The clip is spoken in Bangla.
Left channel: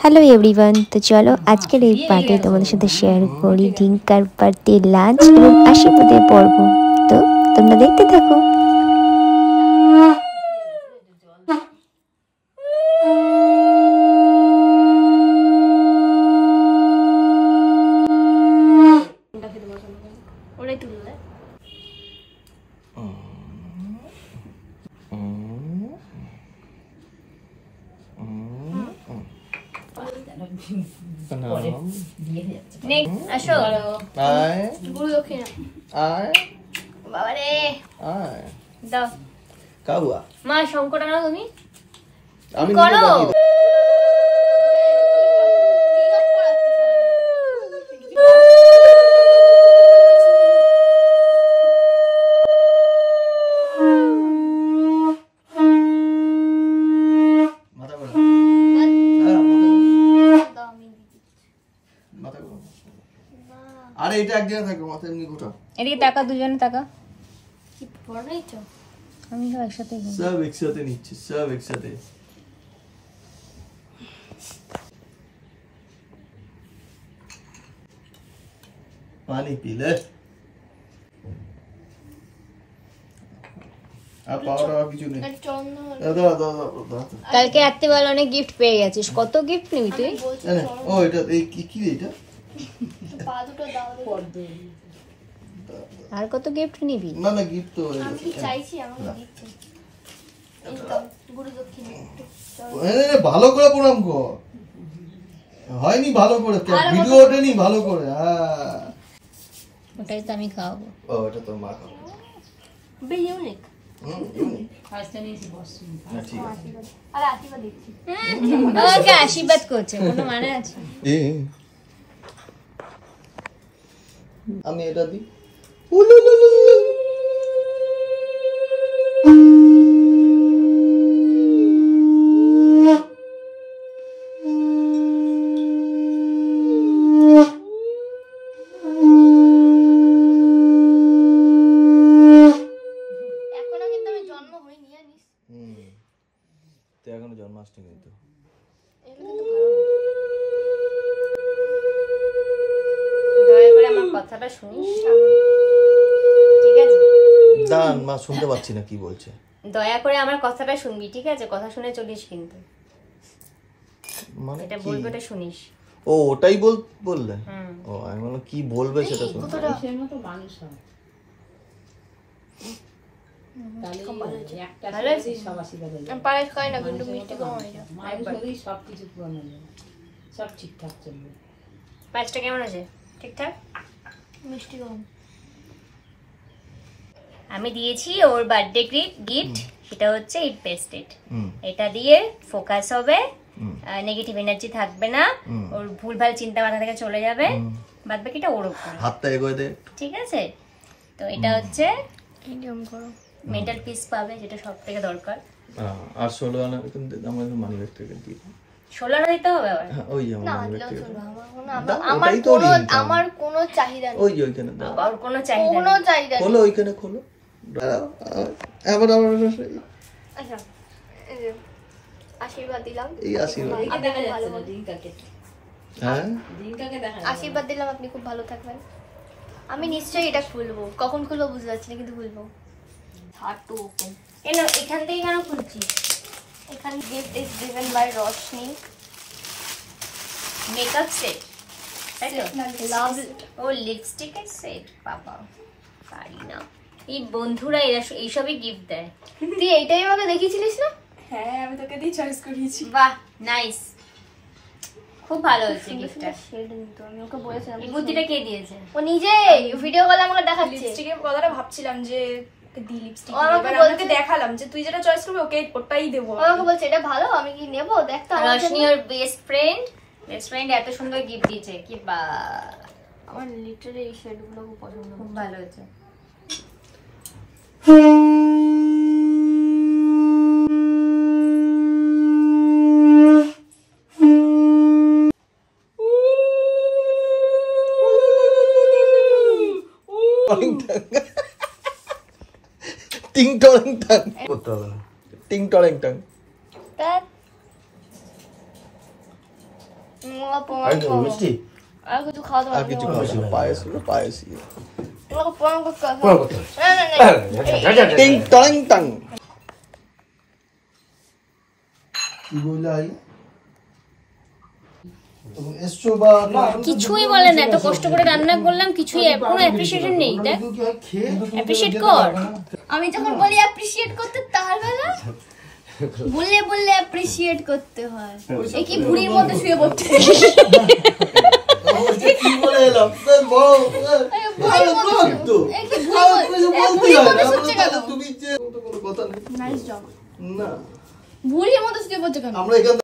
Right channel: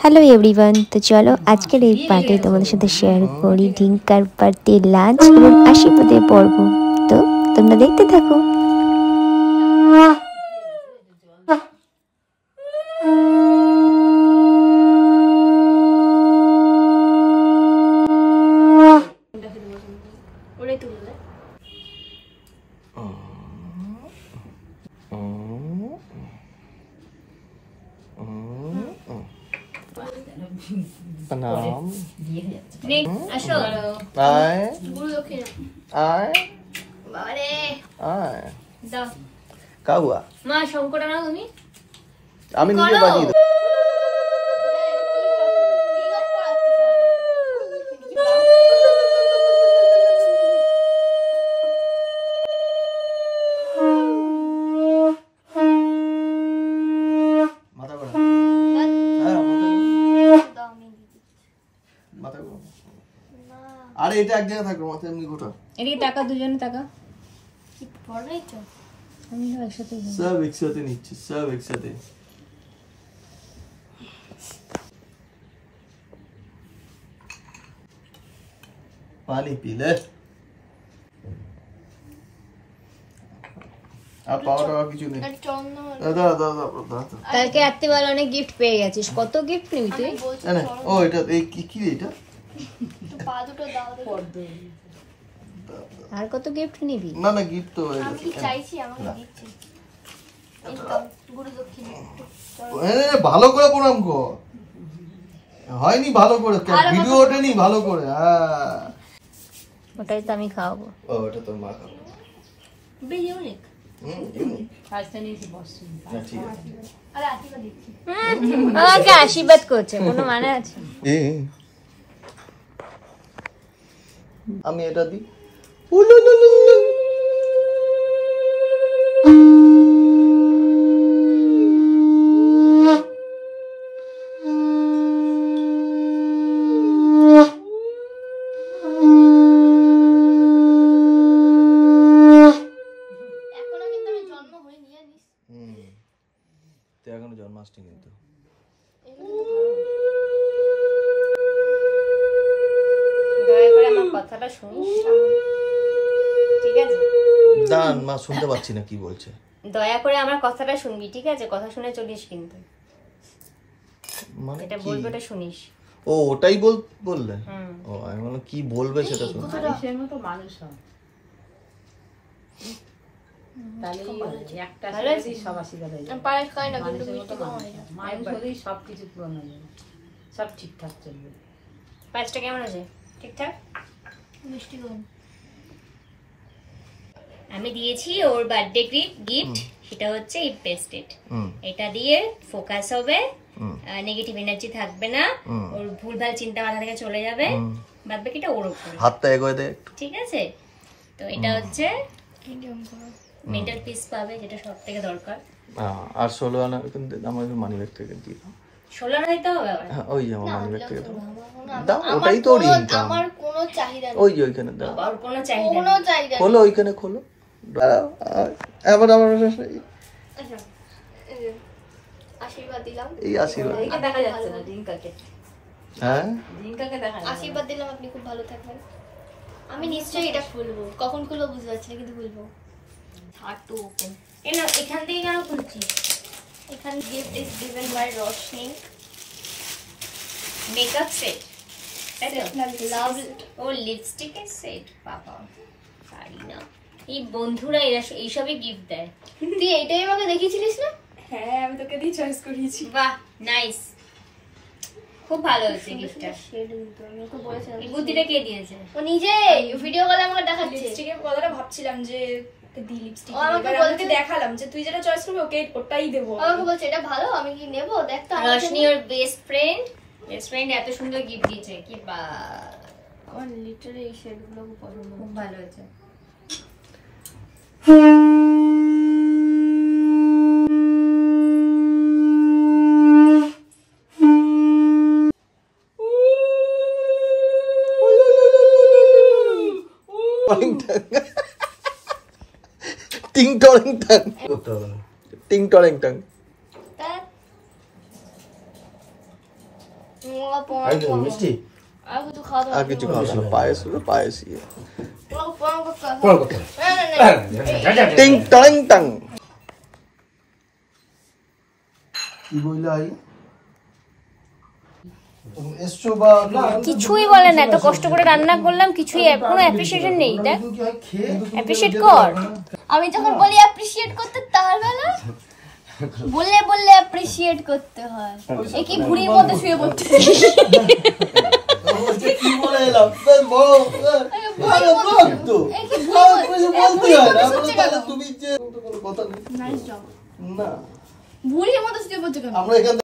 হ্যালো এভরিওয়ান, তো চলো আজকের এই পার্টে তোমাদের সাথে শেয়ার করি ডিঙ্কার পার্টি লাঞ্চ এবং আশীর্বাদের পর্ব। তো তোমরা দেখতে থাকো। মা শঙ্কর আনো তুমি। আমি আরে এটা এক জায়গায় থাকবে, মাথা এমনি ঘোটা। এদিকে টাকা, দুজনে টাকা। কি পড়াই তো আমি একসাথে সব একসাথে নিচ্ছি, সব একসাথে। পানি পিলে আর পাওয়ার কিছু নেই। কালকে রাত্রিবেলা অনেক গিফট পেয়ে গেছিস। কত গিফট নিবি তুই? ও এটা এই কি এটা? আর কত গিফট নিবি? না না গিফট তো আমি চাইছি আমাকে দিতে। ইনকাম গুরু দক্ষিণা ভালো করে প্রণাম কর। হয়নি ভালো করে, ভিডিও ওঠেনি ভালো করে। হ্যাঁ ওটাই তো আমি খাওয়াবো। ও এটা তোর মা খাবে। বে ইউনিক। ইউনিক। আরে আশীর্বাদ দিচ্ছি। আমাকে আশীর্বাদ করছে, কোনো মানে আছে? আমি এটা দিই। এখনো কিন্তু আমি জন্ম হইনি জানিস। তো এখনো জন্মাষ্টমী কিন্তু। দয়া করে আমার কথাটা শুনিস, ঠিক আছে? দান মা শুনতে পাচ্ছি না কি বলছে। দয়া করে আমার কথাটা শুনবি, ঠিক আছে? কথা শুনে চলিস কিন্তু। মানে এটা বলবে ওটা শুনিস। ও ওটাই বললে? ও আমি বললাম কি বলবে সেটা শুনতে। মানুষের মতো মানুষ হয়। তাহলে একটা সব আশীর্বাদ হয়ে যায়। পায়েস খাই না কিন্তু মিষ্টি কম হয় না। মানুষ হলেই সবকিছু পূরণ হয়ে যাবে, সব ঠিকঠাক চলবে। পাঁচটা কেমন আছে? ঠিকঠাক? মিষ্টি কম। আমি দিয়েছি ওর বার্থডে গিফট, সেটা হচ্ছে ইট পেস্টেড। এটা দিয়ে ফোকাস হবে, নেগেটিভ এনার্জি থাকবে না, ওর ভুলভাল চিন্তা মাথা থেকে চলে যাবে, বাদ বাকিটা ওর উপর। হাতটা এগোয় দে, ঠিক আছে? তো এটা হচ্ছে নিয়ম করো। মেন্টাল পিস পাবে, যেটা সব থেকে দরকার। আর 16 আনা কিন্তু আমার মানি ব্যাগ থেকে দিই। 16 আনা দিতে হবে আবার? ওই যে আমার মানি ব্যাগ থেকে আমার কোনো চাহিদা নেই। ওই যে ওইখানে দাও। ওর কোনো চাহিদা নেই। কোনো চাহিদা নেই। খোলো ওইখানে খোলো। আবার আমার আচ্ছা এই যে আশীর্বাদ দিলাম। এই আশীর্বাদ। দেখা যাচ্ছে না দিনটাকে। হ্যাঁ দিনটাকে দেখা যাচ্ছে। আশীর্বাদ দিলাম, আপনি খুব ভালো থাকবেন। আমি নিশ্চয়ই এটা খুলবো, কখন খুলবো বুঝতে পারছি না কিন্তু খুলবো। Hard to open. এখান থেকে কেন খুলছিস? এখানে gift is given by Roshni. Makeup set, তাই তো? লাভ ও লিপস্টিকের সেট। বাবা পারি না, এই বন্ধুরা এরা এইসবই গিফট দেয়। তুই এইটাই আমাকে দেখিয়েছিলিস না? হ্যাঁ আমি তোকে দিয়ে চয়েস করিয়েছি। বাহ নাইস, খুব ভালো হয়েছে গিফটটা। শেড কিন্তু আমি ওকে বলেছিলাম। এই বুদ্ধিটা কে দিয়েছে? ও নিজে ভিডিও কলে আমাকে দেখাচ্ছে। লিপস্টিকের কথাটা ভাবছিলাম যে দি লিপস্টিক ও আমাকে বলতে দেখালাম যে তুই যেটা চয়েস করবি ওকে ওটাই দেবো। ও আমাকে বলছে এটা ভালো, আমি কি নেব দেখ তো। রশনি ওর বেস্ট ফ্রেন্ড এত সুন্দর গিফট দিয়েছে, কি বা আমার লিটারালি এই শেডগুলো খুব পছন্দ। খুব ভালো হয়েছে। টিং টরিং টাং করতে হবে না। টিং টরিং টাং। মিষ্টি আর কিছু খাওয়া দাওয়া আর কিছু পায়েস পায়েস প্রণাম করতে হবে। পড়া করতে টিং টাং টাং কি বইলা আই এসছো বা কিছুই বলে না, এত কষ্ট করে রান্না করলাম, কিছুই কোনো অ্যাপ্রিসিয়েশন নেই। দেখ, অ্যাপ্রিসিয়েট কর। আমি যখন বলি অ্যাপ্রিসিয়েট করতে তার বেলা বললে বললে অ্যাপ্রিসিয়েট করতে হয়। এ কি ভুঁড়ির মধ্যে শুয়ে পড়তে কি বলে এলাম বড় তুমি যে কথা নেই নাইস জব। না ভুঁড়ির মধ্যে শুয়ে পড়ছে কেন? আমরা এখান